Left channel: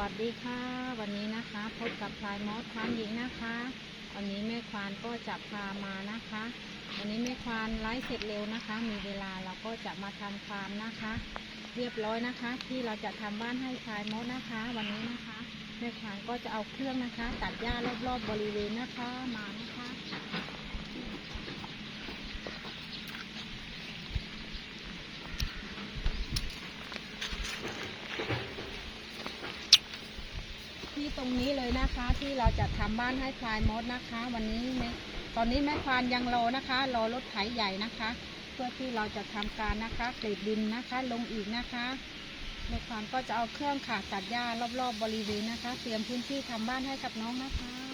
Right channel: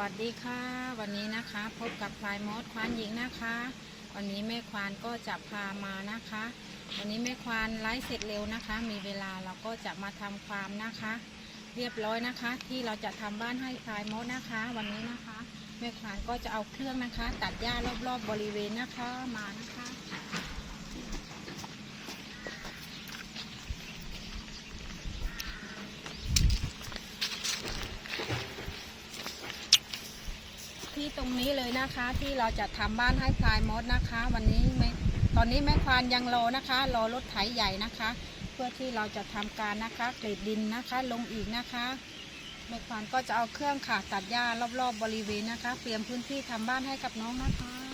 วัสดีค่ะ วันนี้นะคะพบกับพลายมอสควานหญิงนะคะ วันนี้แม่ควานก็จะพามานะคะ วันนี้แม่ควานไลฟ์เสร็จเร็วนะคะ มีเวลาเราก็จะมาทำความนะคะ เรียบร้อยนะคะ ที่เราจะทำบ้านให้พลายมอสนะคะ วันนี้นะคะ แม่ควานก็จะเอาเครื่องนะคะ ตัดหญ้ารอบๆบบริเวณนะคะมานะคะ ที่ ตรงนี้เลยนะคะ ที่เราจะทำบ้านให้พลายมดนะคะ วันนี้แม่ตอนนี้แม่ควานยังรอนะคะรอรถไถใหญ่นะคะ เพื่อที่เราจะทำการนะคะเกรดดินนะคะ ลงอีกนะคะแม่ควานก็จะเอาเครื่องค่ะตัดหญ้ารอบๆบบริเวณนะคะ เตรียมพื้นที่ทำบ้านให้กับน้องนะคะ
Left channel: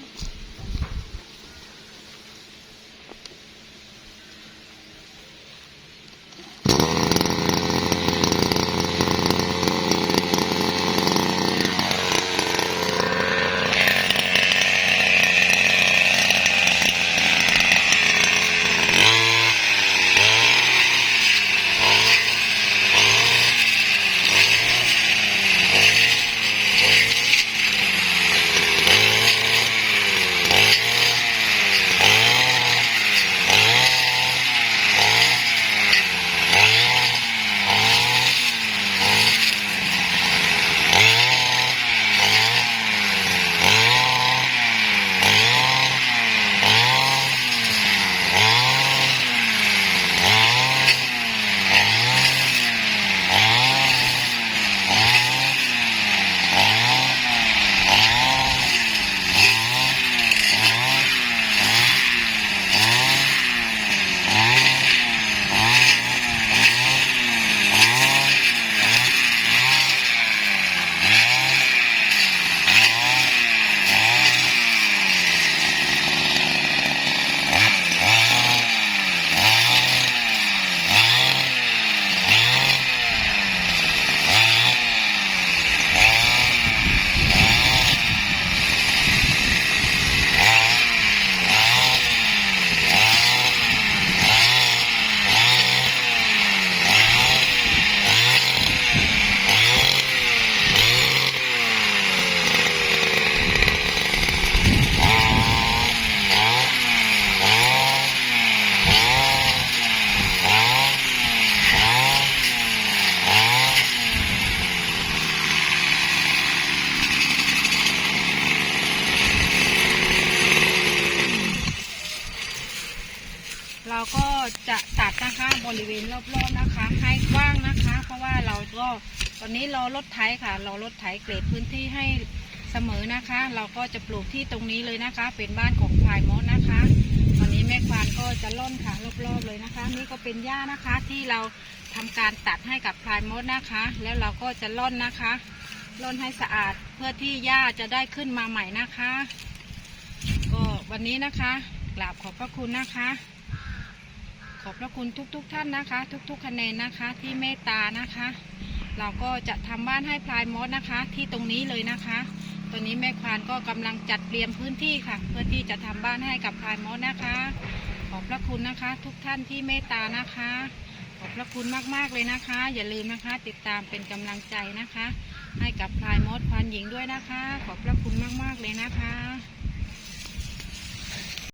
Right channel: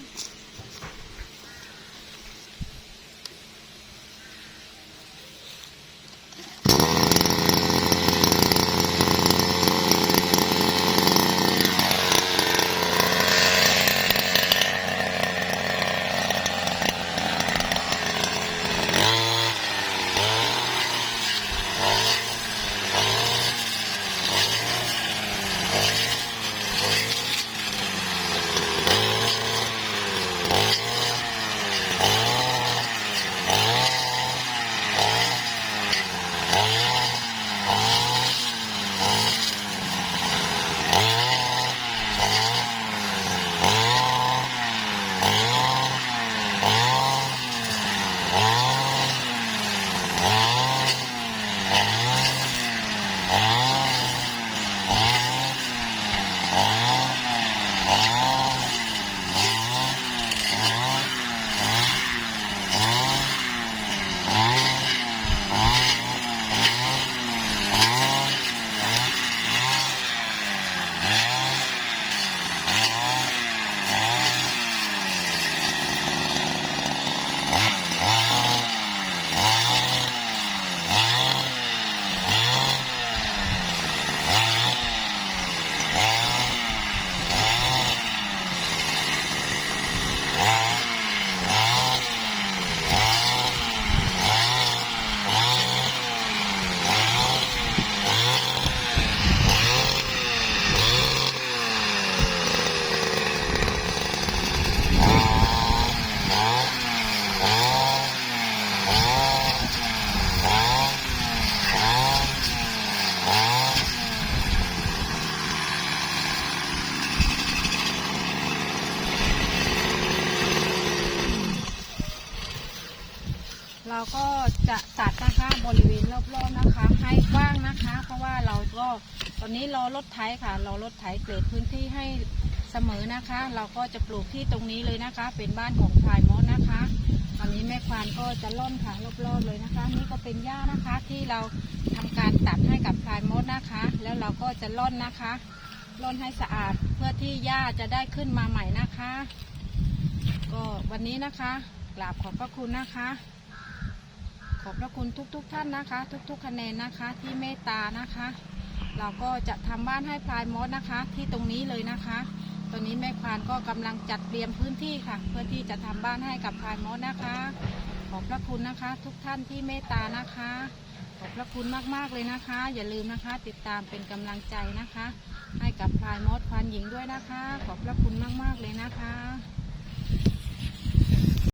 เราก็จะตัดนะคะบริเวณรอบๆนะคะ ให้กว้างนะคะ เพราะว่าเราก็ตอนนี้รอรถไถค่ะรอรถไถเกรดพื้นที่ให้เสมอนะคะ เราก็จะปลูกที่ตรงนี้เลยนะคะ เป็นบ้านของพายมอสนะคะวันนี้แม่ควานก็จะล่อนค่ะรอบๆเลยนะคะ นี่ก็เป็นหญ้านะคะที่เราทำการตัดให้กับพายมดนะคะ แล้วเราก็จะล่อนนะคะล่อนให้สะอาดเพื่อที่หญ้าจะได้ขึ้นมาใหม่นะคะ ก็วันนี้นะคะกราบขอบพระคุณนะคะ ขอบพระคุณทุกๆทท่านนะคะ ทุกๆ คะแนนนะคะที่เมตตานะคะ เราก็จะทำบ้านให้พลายมดนะคะ ที่ตรงนี้เลยนะคะ ตอนนี้แม่ควานก็กำลังจัดเตรียมพื้นที่ค่ะ เพื่อที่จะทำบ้านให้กับพลายมดนะคะ ขอบพระคุณนะคะ ทุกท่านที่เมตตานะคะ ขอบพระคุณมากๆเลยนะคะ อย่าลืมนะคะ ติดตามเป็นกำลังใจนะคะ ให้กับพลายมดควานหญิงด้วยนะคะ ขอบพระคุณมากๆเลยนะคะ